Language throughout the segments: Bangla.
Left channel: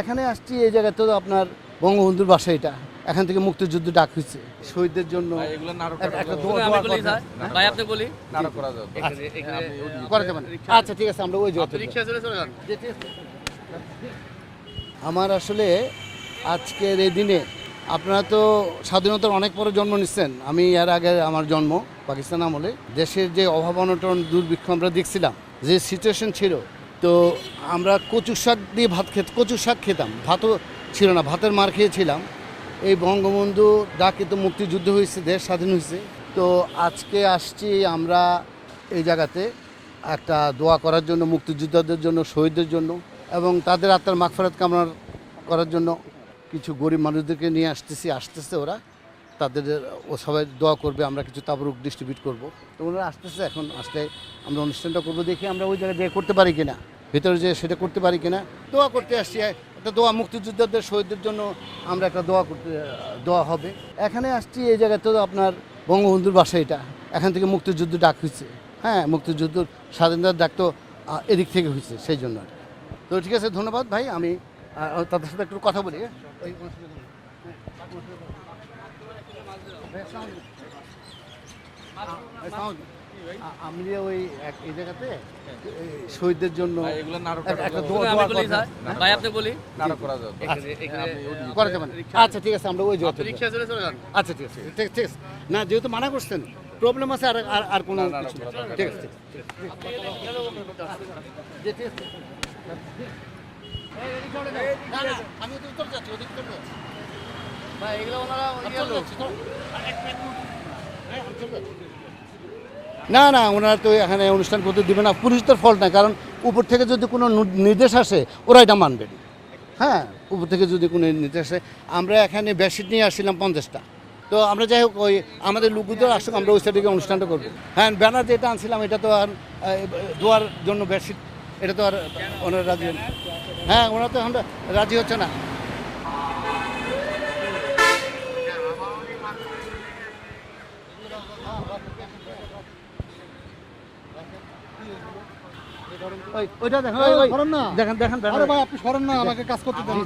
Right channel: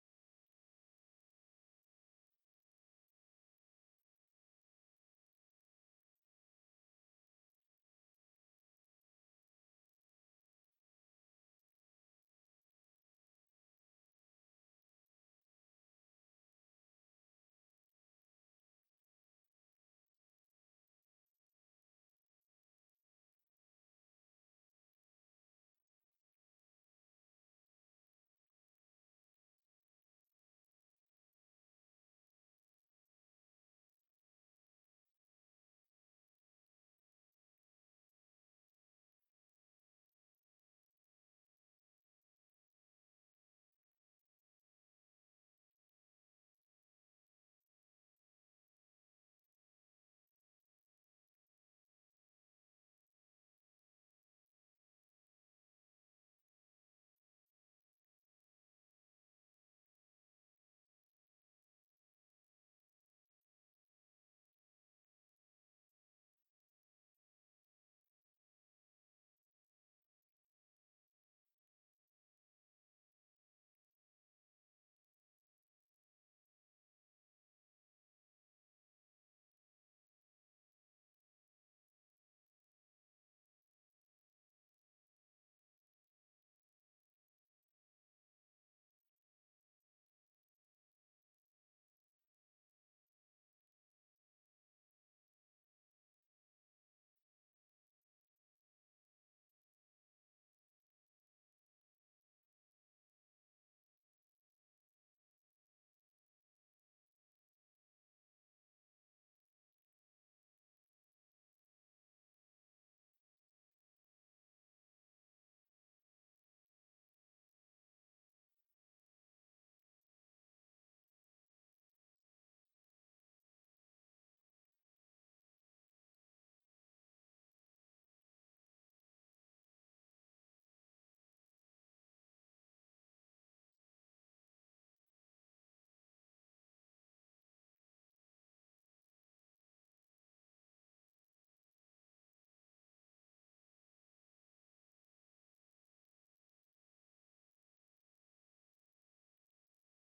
এখানে আসছি এই জায়গায় তো আপনার বঙ্গবন্ধুর বাসা, এটা এখান থেকে মুক্তিযুদ্ধ ডাক হয়েছে শহীদদের জন্য একটা দোয়া ভাই আপনি বলি করা যাবে না। আচ্ছা ঠিক আছে, আমরা ওই জায়গায় আমার আসলে আজকের এই দিনে আপনারা তো স্বাধীনতার অনেক পরে জন্ম নিচ্ছেন, আমি এর আগে আমার জন্ম পাকিস্তান আমলে। দেশের যে অভাব অনটন দুর্ভিক্ষ আমরা দেখছিলাম, যে সিচুয়েশন ছিল, তো আমরা কচু শাক দিয়ে কচু শাক খেতাম, ভাতও ছিল না, ভাতের মার খেয়েছিলাম। এই বঙ্গবন্ধু ডাকে তো মুক্তিযুদ্ধ হয়েছে, দেশ স্বাধীন হয়েছে। তো আজকে আসছি আমরা এই জায়গাতে একটা দোয়া করার জন্য, মুক্তিযোদ্ধাদের জন্য, শহীদদের জন্য, এবং তাদের আত্মার মাগফিরাত কামনা করার জন্য। কিছু গরিব মানুষদেরকে নিয়ে আসতেছে ওরা, তাদের ও সবাই দোয়া করবে, আমরা কিছু তাবরুক ডিস্ট্রিবিউট করব। তো ওনারা আসতেছে, এখন আসলে আমরা অনুষ্ঠানটা করবো, দেখি আমরা ওই জায়গায় করতে পারি কিনা, ভিতরে যে সেটা করতে পারি কিনা। দোয়া করতে আসছি, একটা দোয়া মুক্তিযোদ্ধাদের শহীদদের জন্য আমরা একটা দোয়া হবে। এখানে আসছি এই জায়গায় তো আপনার বঙ্গবন্ধুর বাসা, এটা এখান থেকে মুক্তিযুদ্ধ ডাক হয়েছে। হ্যাঁ, মুক্তিযুদ্ধ স্বাধীনতার ডাক তো এদিক থেকে হয়েছে, সেই জন্য। তো ঠিক আছে, ধন্যবাদ ভাই, আমি তাদের সাথে একটু কথা বলি। আমি ওই এই জায়গাতে শহীদদের জন্য একটা ভাই আপনি বলি করা যাবে না। আচ্ছা ঠিক আছে, আমরা ওই জায়গাতে আচ্ছা ঠিক আছে, ঠিক আছে। না, যেহেতু মানা করছেন, প্রবলেম আছে, আর কোনো কিছু না। ঠিক আছে, আমি তো উত্তর যাচ্ছি, ওদিক উত্তর যাচ্ছি ভাই, এগুলো ওনারা না না, ওনারা তো এখানে অনুষ্ঠান করতে দেবে না, পুলিশদের ফল্ট না, কারণ উপর থেকে যদি কোনো নির্দেশ আসে ওরা এটা মানবেন। হ্যাঁ, উপর থেকে যদি কোনো নির্দেশ আসে, আমরা এখানে বেডশিট নিয়ে আসছিলাম 50টা। তো আমরা যাই হোক, ওই আমাদের লোকগুলো আসুক, আমরা ওই সাইডে অনুষ্ঠানটা করবো। হ্যাঁ, ব্যানার যেটা আনছিলাম এটা তো আর দোয়ার জন্য বেডশিট, এটা তো আর ওনারা রাজি, হ্যাঁ ওনারা তো এখন রাজি হচ্ছে না। ওইটা দেখেন, দেখেন দেখেন, আরে ভাই আপনি সরেন না, আমাকে কাজ করতে দেন,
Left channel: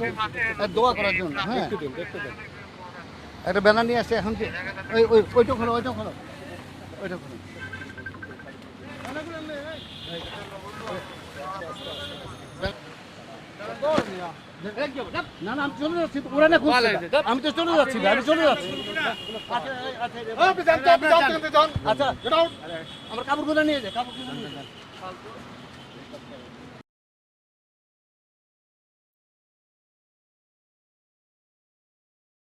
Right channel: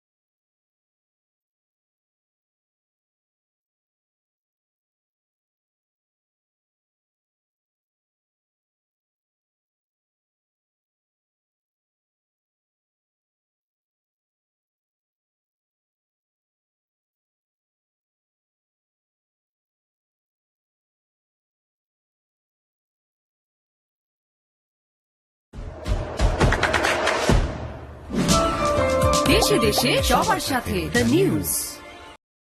দোয়া করার জন্য। হ্যাঁ, একটা ব্যানার নিয়ে আসছে, এখন ওইটা খোলো, ওইটা খোলো, ওইটা খোলো। না না, আমি চলে যাচ্ছি, ওরা না খুঁজছে, আমি তো চলে যাচ্ছি, আমি চলে যাচ্ছি। আচ্ছা, আমার কাপড়গুলো নিয়ে যায়, কাপড়গুলো নিয়ে যায়। দেশে দেশে সবার সাথে দ্য নিউজ।